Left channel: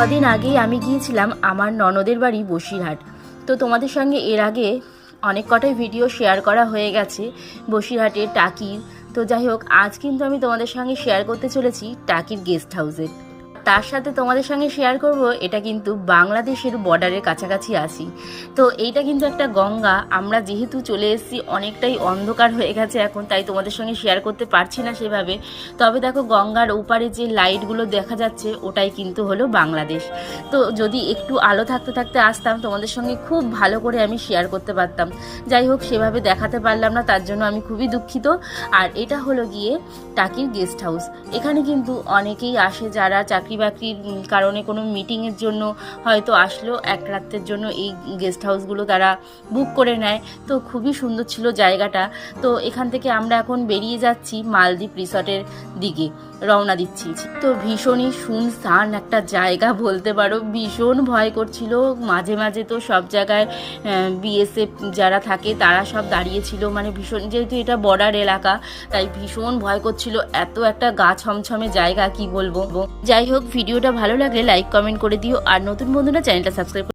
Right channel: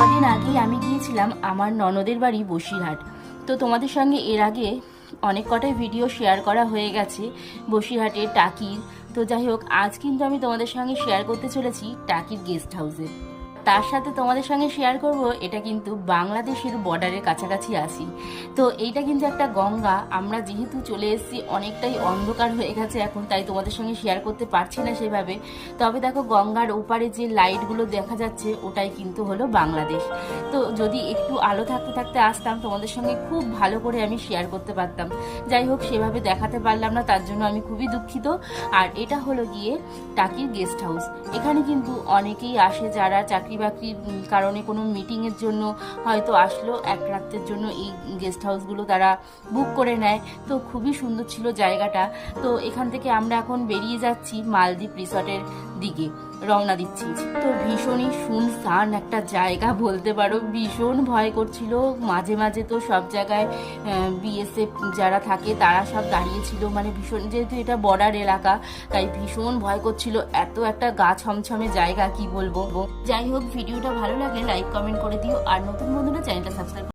কদিন আগেই আমি গিয়েছিলাম আমার ননদের বাড়ি বসিরহাট। তো তোমাদের সঙ্গে এর আগে অনেক কটাই ভিডিও শেয়ার করা হয়ে গেছে, বসিরহাটের টাকির। তো যাই হোক, আজ কিন্তু আমি তোমাদের সঙ্গে শেয়ার করতে চলেছি টাকির গেস্ট হাউসে তার সাথে তোমাদের সঙ্গে শেয়ার করব, এটা কিন্তু বাংলাদেশের বর্ডারের কাছাকাছি আসি তো এইটা কিন্তু একটা গঙ্গা, আমরা যেহেতু চলে এসেছি, অনেকটাই অন্ধকার হয়ে গেছে এখন, তাই তোমাদের সঙ্গে শেয়ার করতে পারছি না সেভাবে। তবে দেখো গঙ্গার ওপারে যে লাইটগুলো দেখা যাচ্ছে, ওটাই কিন্তু হলো বাংলাদেশ। তো যদি একটু আলো থাকতে থাকতে আসতাম, তোমাদের সঙ্গে খুব ভালো করে আমি শেয়ার করতে পারতাম। যাই হোক, সেভাবে দেখাতে পারলাম না, তার জন্য আমি খুবই দুঃখিত। আর এটা হলো গিয়ে টাকির গেস্ট হাউস এখানে কিন্তু অনেকেই আসে যারা চাকরি বাকরির কারণে কোনো মিটিংয়ের জন্য হয়তো আসলো। এক রাত্রের জন্য এই গেস্ট হাউসগুলো তারা বুক করে নেয়। তো খুবই সুন্দর ছিল জায়গাটা। তো এখান থেকে আমরা এখন বেরিয়ে যাচ্ছি মালদ্বীপ রিসর্টের দিকে, রওনা দিচ্ছি। তো ভীষণই শুনশান একটা জায়গা বলতে পারো। ভীষণ ভয় করছিল। মাঝে মাঝে তো সব জায়গায় বিএসএফ যারা থাকে তারা সব দাঁড়িয়েছিল মানে ভীষণ, যেহেতু এটা বর্ডার এলাকা, তাই ভীষণ ভয় করছিল। এত একটা গা ছমছমে জায়গা কি বলব? যাই হোক ভিডিওটা ভালো লাগলে লাইক কমেন্ট করে দিও। আর নতুন বন্ধুরা চ্যানেলটা সাবস্ক্রাইব